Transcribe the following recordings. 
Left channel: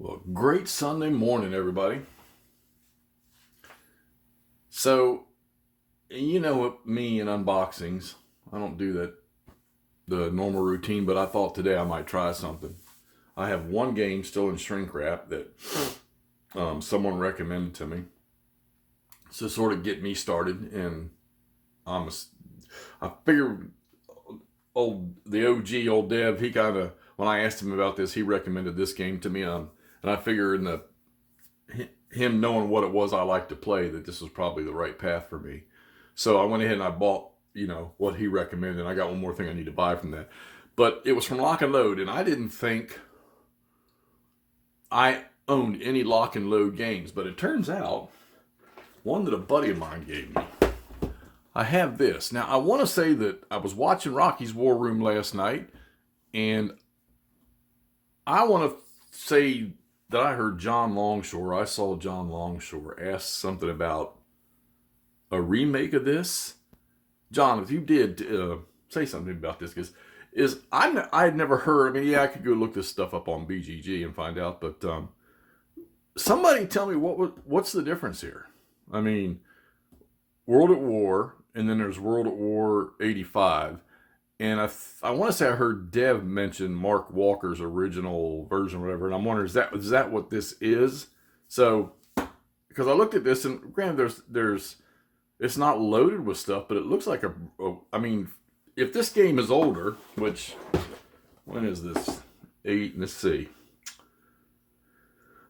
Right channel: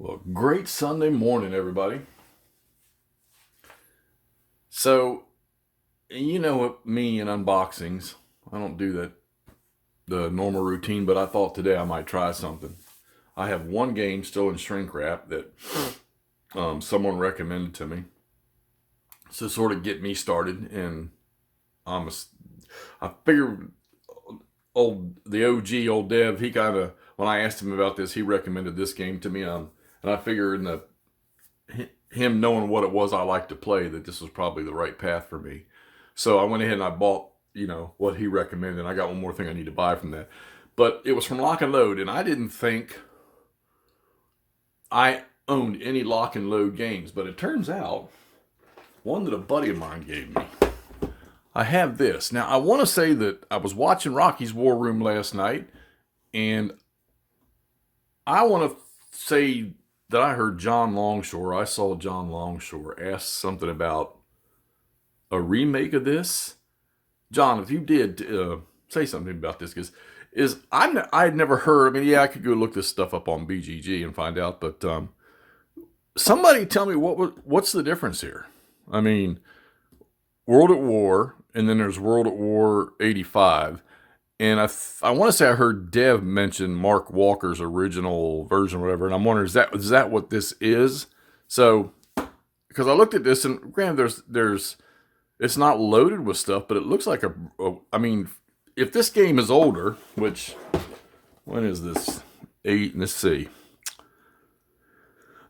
Well, great Sunday morning, everybody. So, you know what, me and unboxings, I don't do the normal routine, but I thought today I might try something. I have one game still in shrink wrap that someone recommended to me to sort of get me started, and I'm a, I figured the OG old Dev, he kind of, when I asked him about this, he recommended this game to me, and I figured in the him knowing what it was I like to play, that this was probably the right path for me. So I went ahead and I bought, what he recommended. And I got one more thing I need to buy from that. But it was from Lock and Load, and I didn't think I owned any Lock and Load games, but it turns out one that a buddy of mine gave me. I have this. Now, I want to say that I was watching Rocky's War Room last night, and I want to say that I heard John Longshore. I saw John Longshore ask something about a remake of this. John, if you did, say something about this, because I had never heard. I mean, yeah, I could go look this stuff up on BGG and find out, but somebody tell me what's the difference here. I mean, World at War, and then there's World at War 85. And I want to say I heard Dev mention Mark Walker's original version or whatever, and I'm wondering, is that what this is? So, because I looked at this, and granted, there's it's not loaded with stuff, but it looks like I mean, if this game is older, which, when is this? Let's see.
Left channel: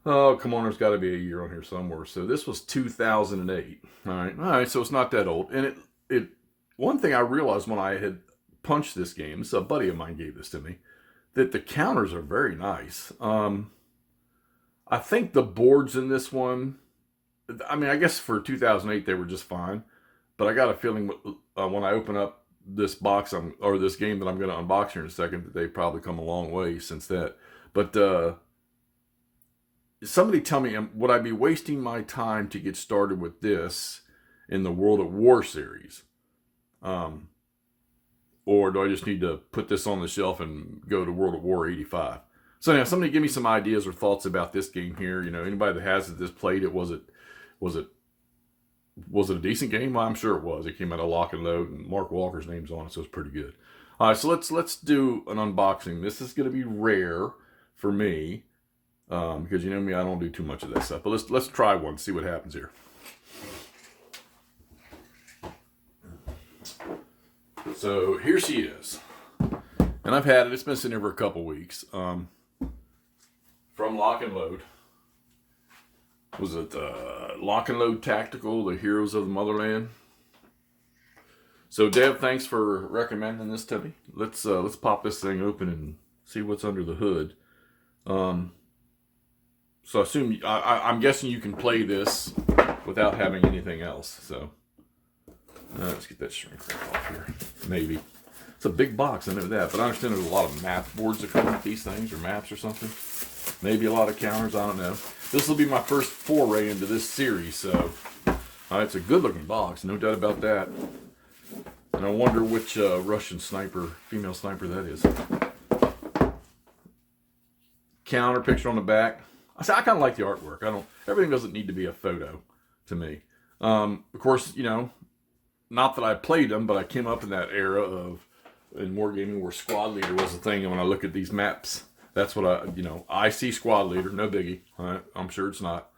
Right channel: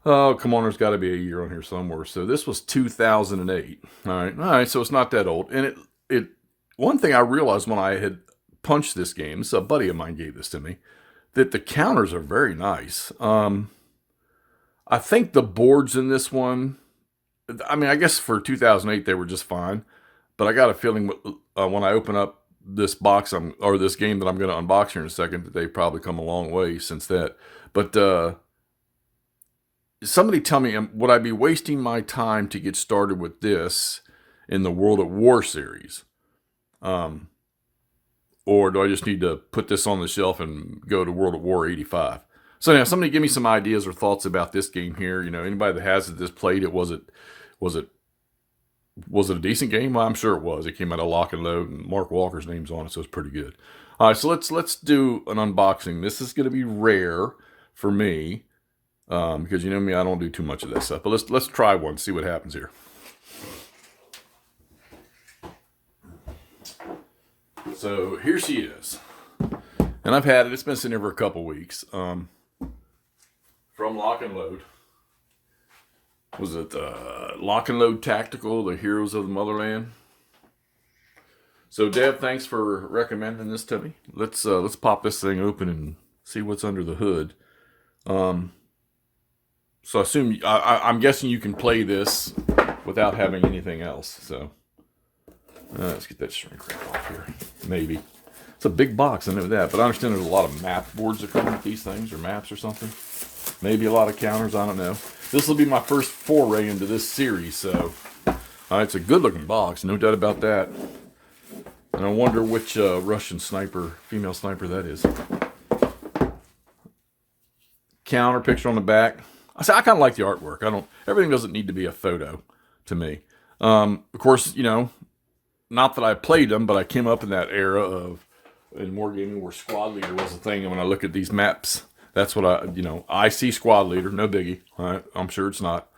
Oh, come on, there's got to be a year on here somewhere. So this was 2008. All right, so it's not that old. And it one thing I realized when I had punched this game, so a buddy of mine gave this to me, that the counters are very nice. I think the boards in this one, I mean, I guess for 2008 they were just fine, but I got a feeling when I open up this box or this game that I'm going to unbox here in a second, that they've probably come a long way since that. But somebody tell me, would I be wasting my time to get started with this in the World at War series? Or do I just need to put this on the shelf and go to World at War 85? So now, somebody give me some ideas or thoughts about this game here. Anybody that has this played it, was it a decent game? Well, I'm sure it was. It came out of Lock and Load, and Mark Walker's name's on it, so it's pretty good. All right, so let's do an unboxing. This is going to be rare for me, because you know me, I don't do too much of that stuff. But let's try one, see what happens here. So here she is, and I've had it. It's been sitting here for a couple weeks. From Lock and Load. Was it Lock and Load Tactical, the Heroes of the Motherland? So Deb, thanks for recommending this to me. Let's pop this thing open and see what's under the hood. So I assume I'm guessing you can play this without having anything else. So let's get that shrink wrap off here. Maybe it's a big box. I know that, but I understand there's a lot of map boards that come with these things, or maps or something. Maybe a lot of counters. I don't know. This will be my first foray into this series, so it's a good-looking box, no doubt about that. And I wonder which Russian sniper, female sniper, that is. Counter picture on the back. I kind of like the artwork. Everything doesn't need to be a photo to me. Of course, not that I played them, but I came up in that era in wargaming where squad leader was a thing. And when I look at these maps, that's what I see squad leader, no biggie. Right? I'm sure it's not.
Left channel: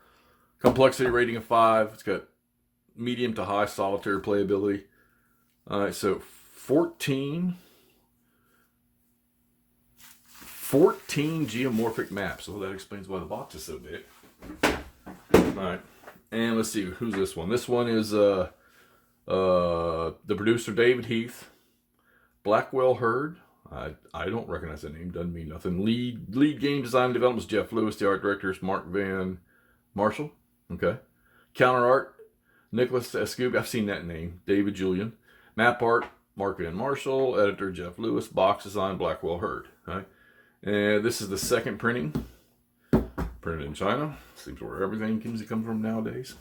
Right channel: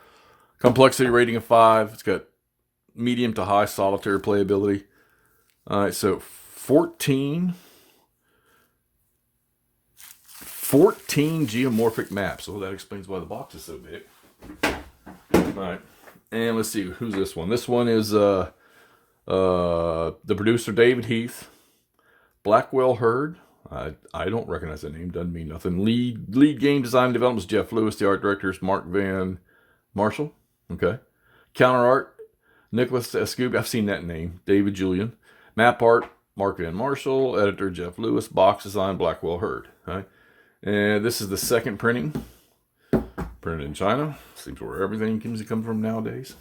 Complexity rating of 5. It's got medium to high solitaire playability. All right, so 14 geomorphic maps. So that explains why the box is so big. All right, and let's see, who's this one? This one is the producer, David Heath. Blackwell Herd. I don't recognize that name. Doesn't mean nothing. Lead game design development is Jeff Lewis. The art director is Mark Van Marshall. Okay. Counter art, Nicholas Escube. I've seen that name. David Julian. Map art, Mark Van Marshall. Editor, Jeff Lewis. Box design, Blackwell Herd. Okay. And this is the second printing. Printed in China. Seems where everything comes from nowadays.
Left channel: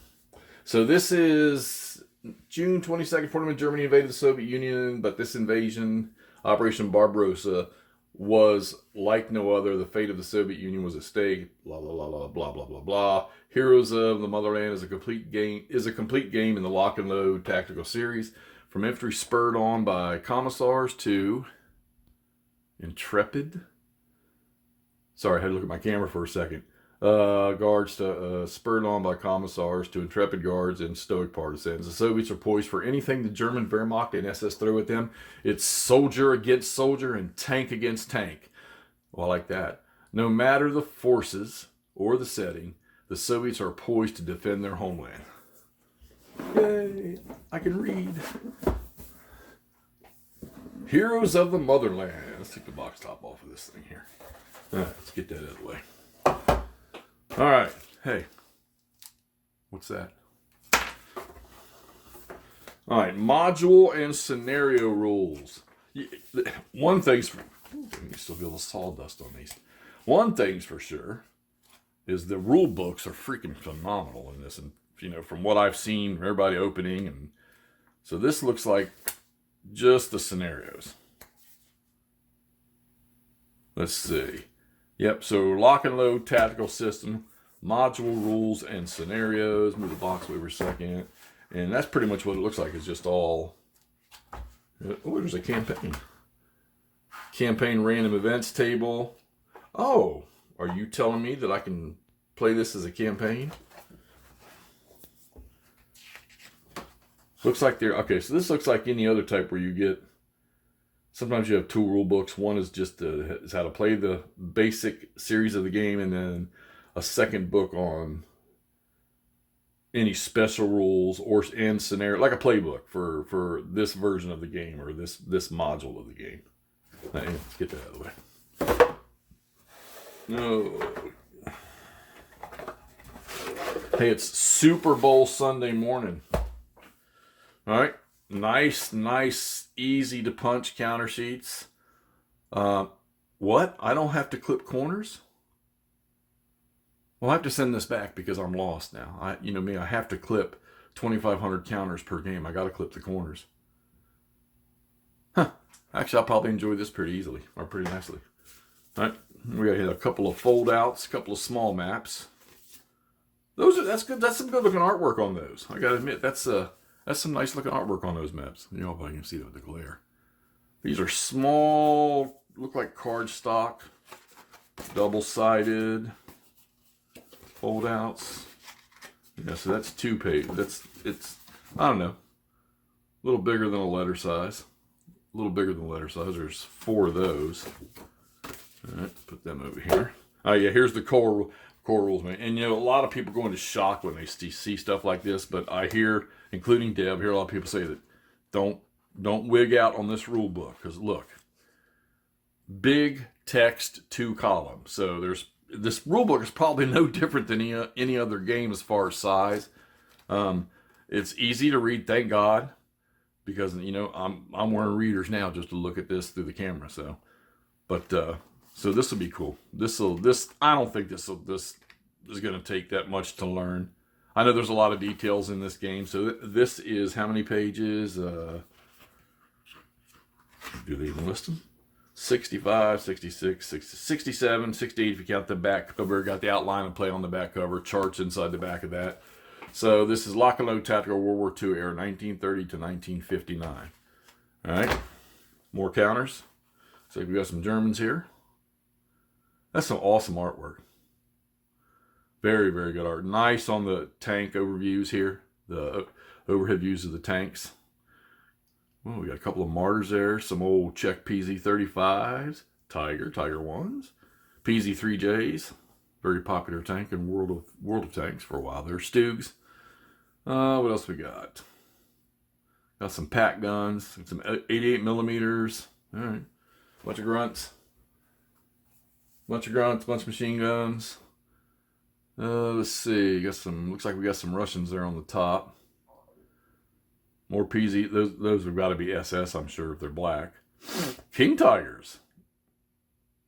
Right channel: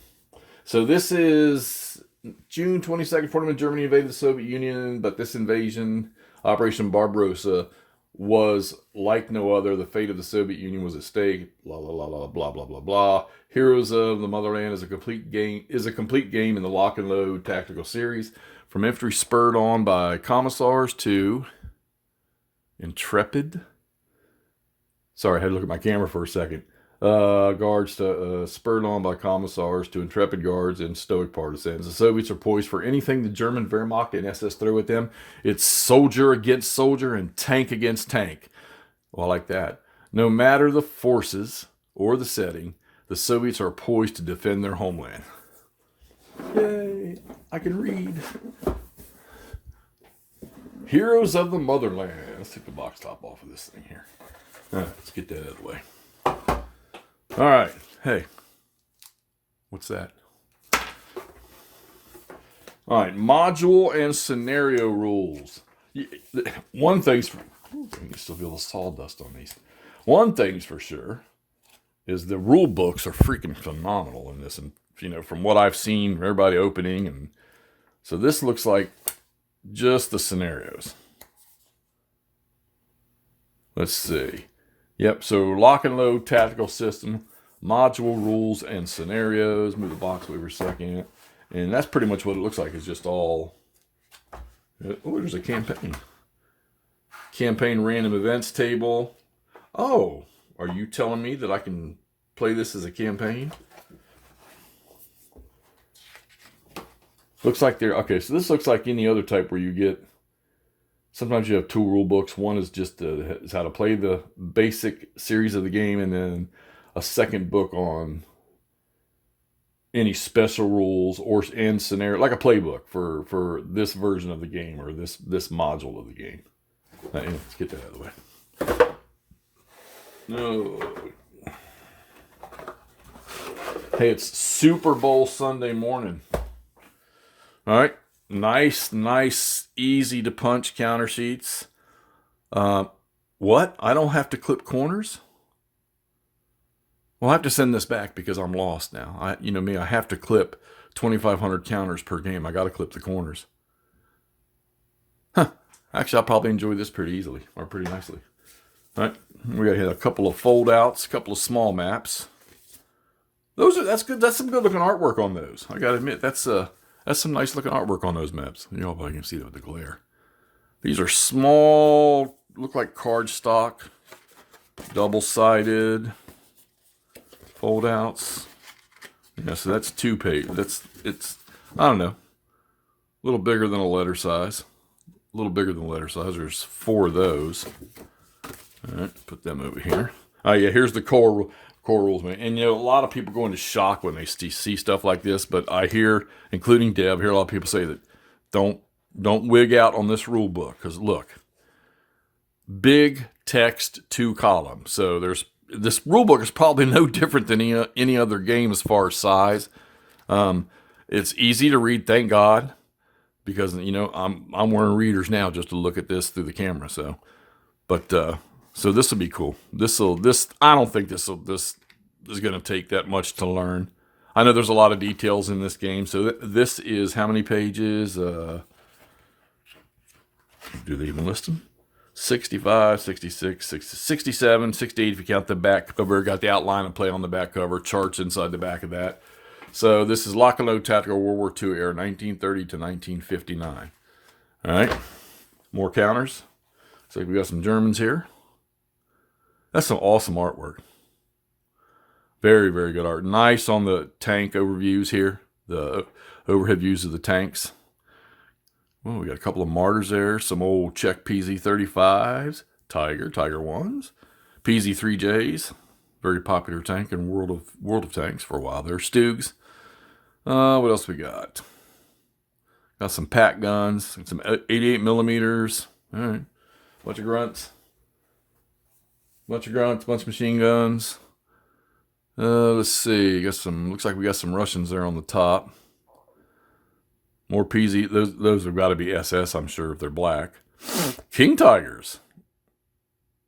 So this is June 22nd, 41, Germany invaded the Soviet Union, but this invasion, Operation Barbarossa, was like no other. The fate of the Soviet Union was at stake. La la la la blah blah blah blah. Heroes of the Motherland is a complete game in the lock and load tactical series, from infantry spurred on by commissars to intrepid. Sorry, I had to look at my camera for a second. Guards to, spurred on by commissars to intrepid guards and stoic partisans. The Soviets are poised for anything the German Wehrmacht and SS throw at them. It's soldier against soldier and tank against tank. Well, I like that. No matter the forces or the setting, the Soviets are poised to defend their homeland. Yay! I can read. Heroes of the Motherland. Let's take the box top off of this thing here. All right, let's get that out of the way. All right. Hey, what's that? All right, module and scenario rules. One thing's for, you still feel the sawdust on these. One thing's for sure is the rule books are freaking phenomenal in this, and from what I've seen, everybody opening, and so this looks like just the scenarios. Let's see. Yep, so lock and load tactical system, module rules and scenarios. Move the box over a second. And that's pretty much what it looks like. It's just all... Oh, there's a campaign. Campaign random events table. Oh, are you telling me that I can play this as a campaign? Looks like they're... Okay, so this looks like any other type where you get... Sometimes you have two rule books. One is just is how to play the basic series of the game, and then a second book on any special rules and scenario, like a playbook for this version of the game or this module of the game. Anyway, let's get that out of the way. No. Hey, it's Super Bowl Sunday morning. All right. Nice, easy to punch counter sheets. What? I don't have to clip corners? Well, I have to send this back because I'm lost now. I have to clip 2,500 counters per game. I got to clip the corners. Huh. Actually, I'll probably enjoy this pretty easily, or pretty nicely. All right. We got to hit a couple of fold outs, a couple of small maps. That's good. That's some good looking artwork on those. I got to admit, that's some nice looking artwork on those maps. You know, if I can see that with the glare. These are small, look like cardstock, double-sided, fold outs. Yeah, so that's 2 pages. It's I don't know, a little bigger than a letter size. A little bigger than a letter size. There's 4 of those. All right, put them over here. Oh yeah, here's the core rules, man. And a lot of people go into shock when they see stuff like this, but I hear, including Deb, a lot of people say that don't wig out on this rule book, because look, big text 2 columns. So this rule book is probably no different than any other game as far as size. It's easy to read, thank God, because I'm wearing readers now just to look at this through the camera. So this will be cool. I don't think this is going to take that much to learn. I know there's a lot of details in this game. So this is how many pages? Do they even list them? 65, 66, 67, 68 if you count the back cover. Got the outline and play on the back cover. Charts inside the back of that. So this is Lock and Load Tactical World War II era, 1930 to 1959. All right. More counters. So we got some Germans here. That's some awesome artwork. Very, very good art. Nice on the tank overviews here. The overhead views of the tanks. Well, we got a couple of Martyrs there. Some old Czech PZ-35s. Tiger 1s. PZ-3Js. Very popular tank in World of Tanks for a while there. Stugs. What else we got? Got some pack guns. Some 88 millimeters. All right. Bunch of grunts. Bunch of machine guns. Let's see. Looks like we got some Russians there on the top. More PZ. Those have got to be SS, I'm sure, if they're black. King Tigers.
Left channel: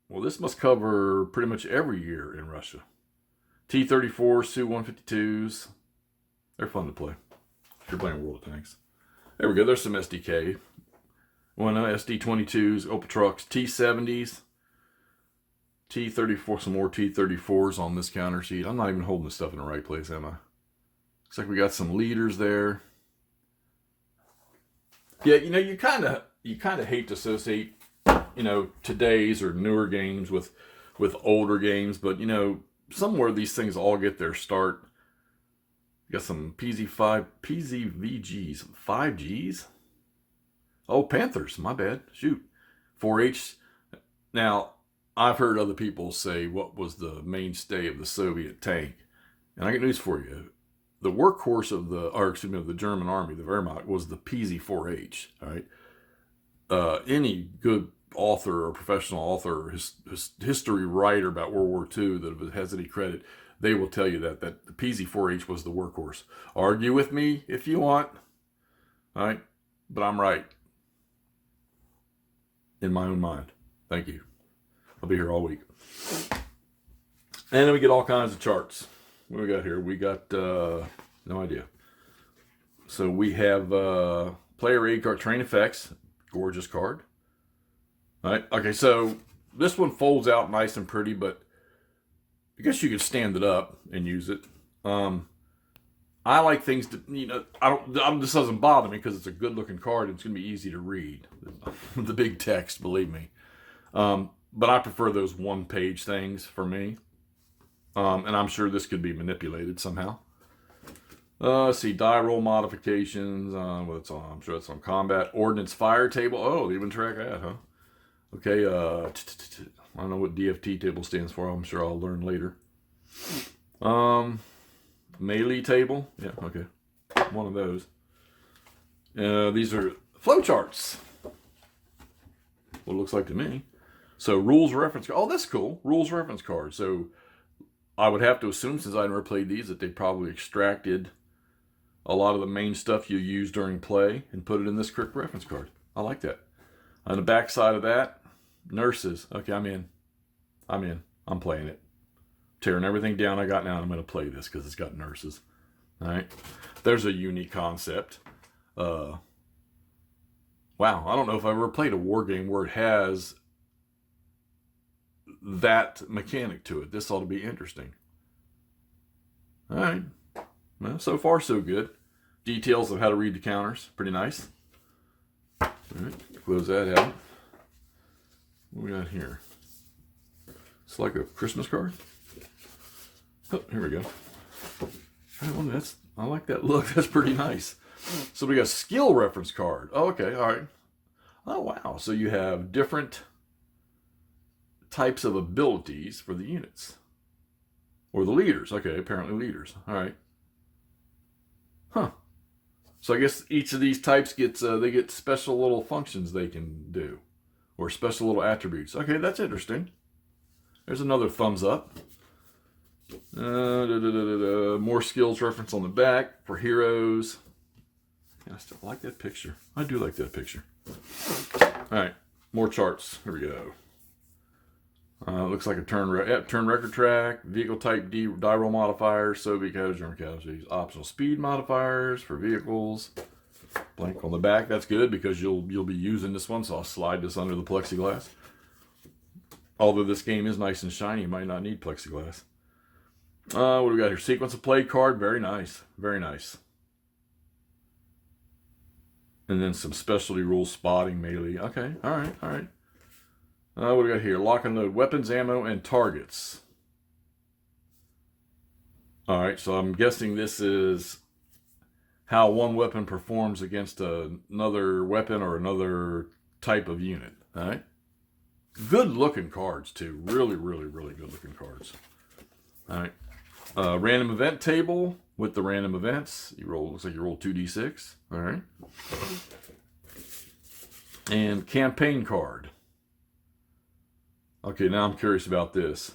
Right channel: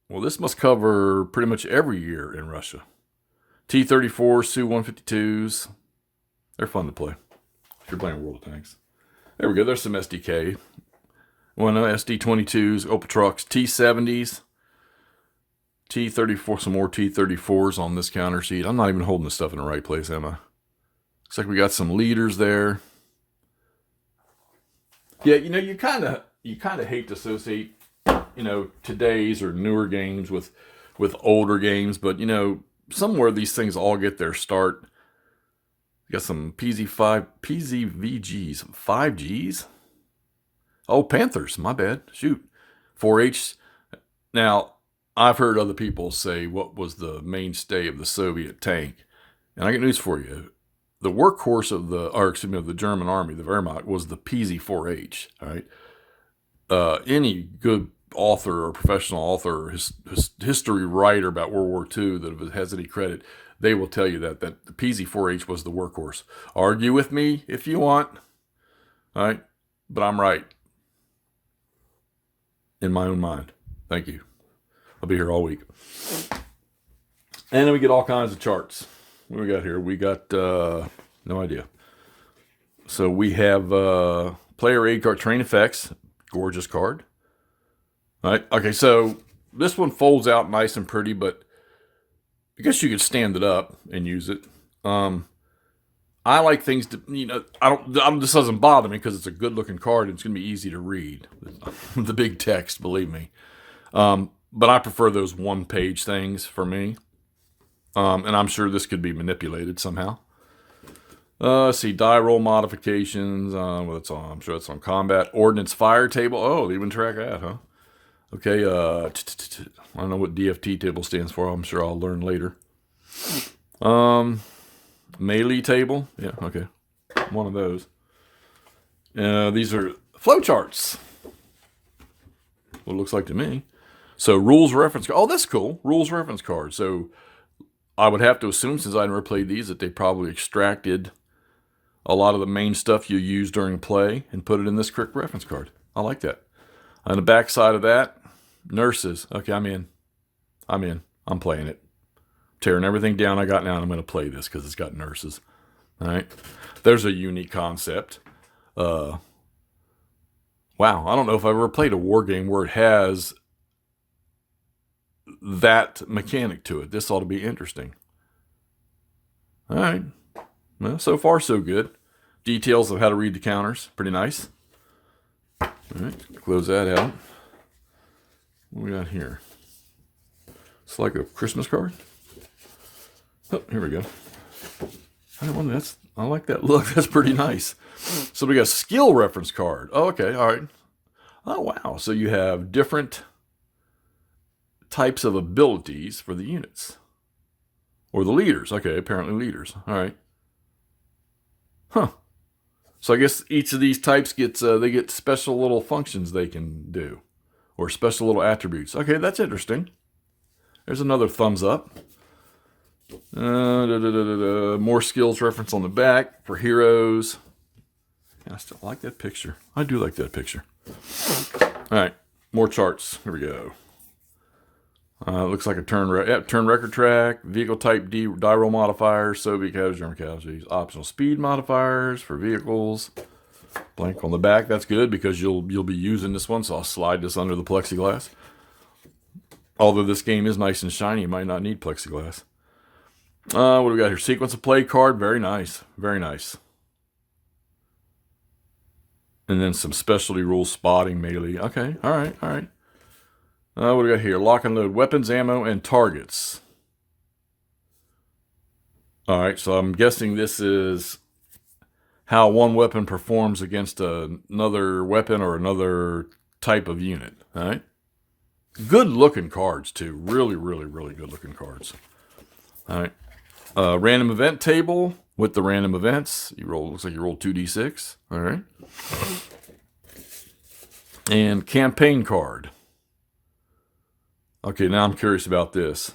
Well, this must cover pretty much every year in Russia. T-34, Su-152s. They're fun to play if you're playing World of Tanks. There we go. There's some SDK. SD-22s, Opel trucks, T-70s. T34, some more T34s on this counter sheet. I'm not even holding this stuff in the right place, am I? Looks like we got some leaders there. Yeah, you kind of hate to associate, today's or newer games with older games, but somewhere these things all get their start. You got some PZVGs, 5Gs. Oh, Panthers, my bad. Shoot. 4H. Now, I've heard other people say what was the mainstay of the Soviet tank. And I got news for you. The workhorse of the German army, the Wehrmacht, was the PZ-4H. All right. Any good author or professional author or history writer about World War II that has any credit, they will tell you that the PZ-4H was the workhorse. Argue with me if you want. All right. But I'm right. In my own mind. Thank you. I'll be here all week. And then we get all kinds of charts. What do we got here? We got, no idea. So we have player aid card, Train Effects, gorgeous card. All right. Okay, so this one folds out nice and pretty, but I guess you could stand it up and use it. I like things to, this doesn't bother me because it's a good looking card and it's going to be easy to read. The big text, believe me. But I prefer those one page things for me. And I'm sure this could be manipulated somehow. Let's see, die roll modifications. What's on? I'm sure that's on combat. Ordnance fire table. Oh, they even track that, huh? Okay, I don't know what DFT table stands for. I'm sure I'll learn later. Melee table. Yeah, okay. One of those. These are flowcharts. What it looks like to me. So rules reference card. Oh, that's cool. Rules reference card. So I would have to assume, since I never played these, that they probably extracted a lot of the main stuff you use during play and put it in this quick reference card. I like that. On the back side of that, nurses. Okay, I'm in. I'm playing it. Tearing everything down I got now, and I'm going to play this because it's got nurses. All right. There's a unique concept. Wow, I don't know if I've ever played a war game where it has that mechanic to it. This ought to be interesting. All right. Well, so far so good. Details of how to read the counters. Pretty nice. All right. Close that out. What we got here? It's like a Christmas card. Oh, here we go. Oh, I like that look. That's pretty nice. So we got skill reference card. Oh, okay. All right. Oh, wow. So you have different types of abilities for the units. Or the leaders. Okay, apparently leaders. All right. Huh. So I guess each of these types they get special little functions they can do. Or special little attributes. Okay, that's interesting. There's another thumbs up. More skills reference on the back for heroes. I still like that picture. I do like that picture. All right, more charts. Here we go. Looks like a turn record track, vehicle type die roll modifiers, Soviet casualties, German casualties, optional speed modifiers for vehicles. Blank on the back. That's good because you'll be using this one, so I'll slide this under the plexiglass. Although this game is nice and shiny, you might not need plexiglass. What do we got here? Sequence of play card. Very nice. Very nice. And then some specialty rules, spotting, melee. Okay. All right. All right. What do we got here? Lock and load. Weapons, ammo, and targets. All right. So I'm guessing this is how one weapon performs against another weapon or another type of unit. All right. Good looking cards, too. Really, really, really good looking cards. All right. Random event table with the random events. Looks like you roll 2d6. All right. And campaign card. Okay, now I'm curious about this.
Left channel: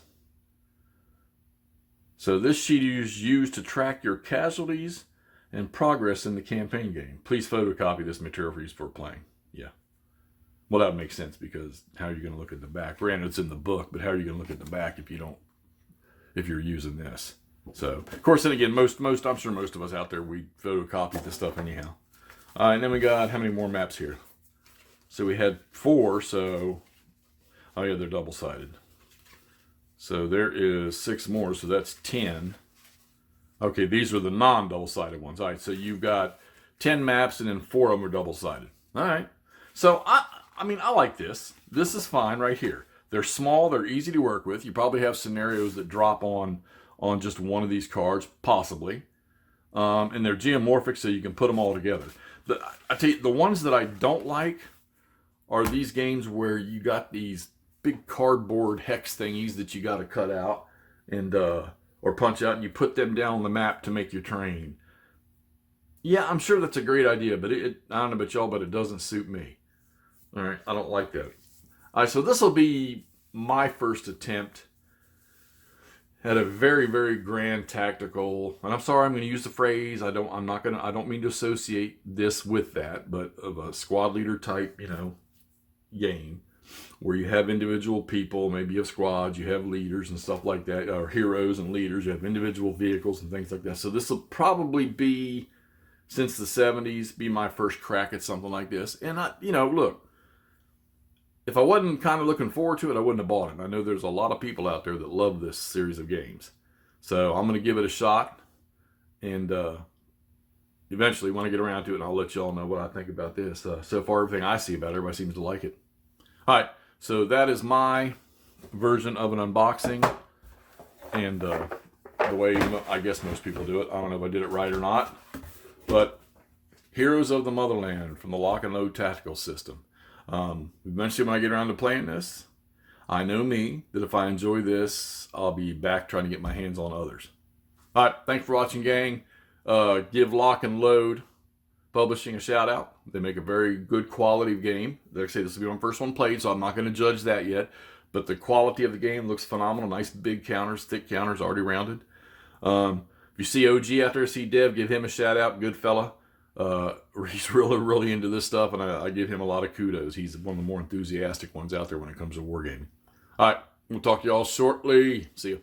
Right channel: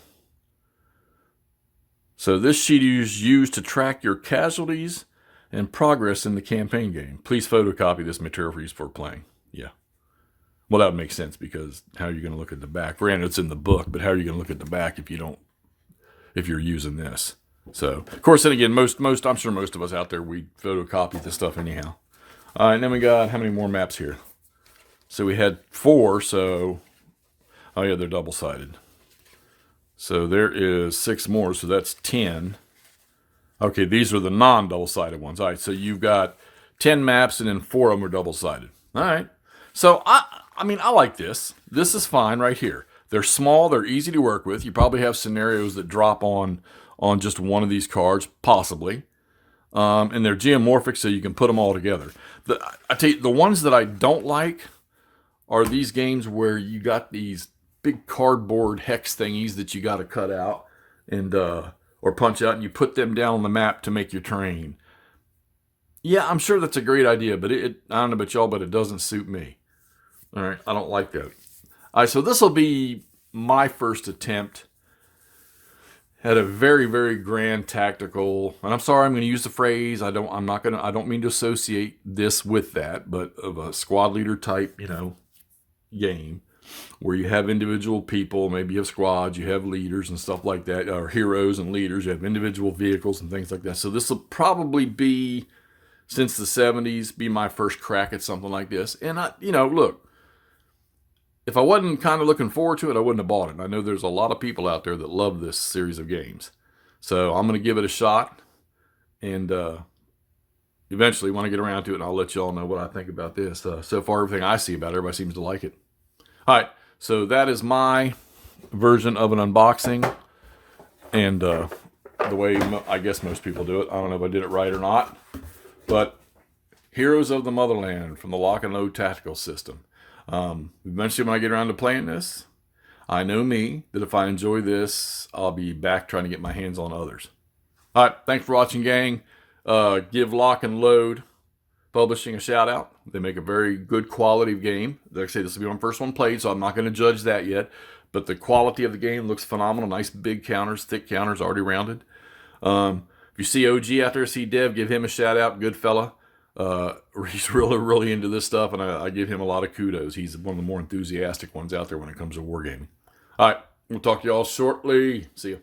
So this sheet is used to track your casualties and progress in the campaign game. Please photocopy this material for use for playing. Yeah. Well, that would make sense because how are you going to look at the back? Granted, it's in the book, but how are you going to look at the back if you're using this? So, of course, then again, I'm sure most of us out there, we photocopy this stuff anyhow. All right, and then we got, how many more maps here? So we had 4, so, oh yeah, they're double-sided. So there is 6 more, so that's 10. Okay, these are the non-double-sided ones. All right, so you've got 10 maps, and then 4 of them are double-sided. All right. So, I mean, I like this. This is fine right here. They're small. They're easy to work with. You probably have scenarios that drop on just one of these cards, possibly. And they're geomorphic, so you can put them all together. I tell you, the ones that I don't like are these games where you got these big cardboard hex thingies that you got to cut out and or punch out, and you put them down on the map to make your terrain. Yeah, I'm sure that's a great idea, but I don't know about y'all, but it doesn't suit me. All right, I don't like that. All right, so this will be my first attempt at a very, very grand tactical. And I'm sorry, I'm going to use the phrase. I don't mean to associate this with that, but of a squad leader type, game where you have individual people. Maybe you have squads, you have leaders and stuff like that, or heroes and leaders. You have individual vehicles and things like that. So this will probably be, since the 70s, be my first crack at something like this. And look, if I wasn't kind of looking forward to it, I wouldn't have bought it. I know there's a lot of people out there that love this series of games. So I'm going to give it a shot. And eventually, when I get around to it, I'll let y'all know what I think about this. So far, everything I see about it, everybody seems to like it. All right. So that is my version of an unboxing. And the way I guess most people do it. I don't know if I did it right or not. But Heroes of the Motherland from the Lock and Load Tactical System. Eventually, when I get around to playing this, I know me, that if I enjoy this, I'll be back trying to get my hands on others. All right, thanks for watching, gang. Give Lock and Load Publishing a shout out. They make a very good quality game. Like I say, this will be my first one played, so I'm not going to judge that yet. But the quality of the game looks phenomenal. Nice big counters, thick counters, already rounded. If you see OG out there, see Dev, give him a shout out. Good fella. He's really, really into this stuff, and I give him a lot of kudos. He's one of the more enthusiastic ones out there when it comes to wargaming. All right, we'll talk to y'all shortly. See you.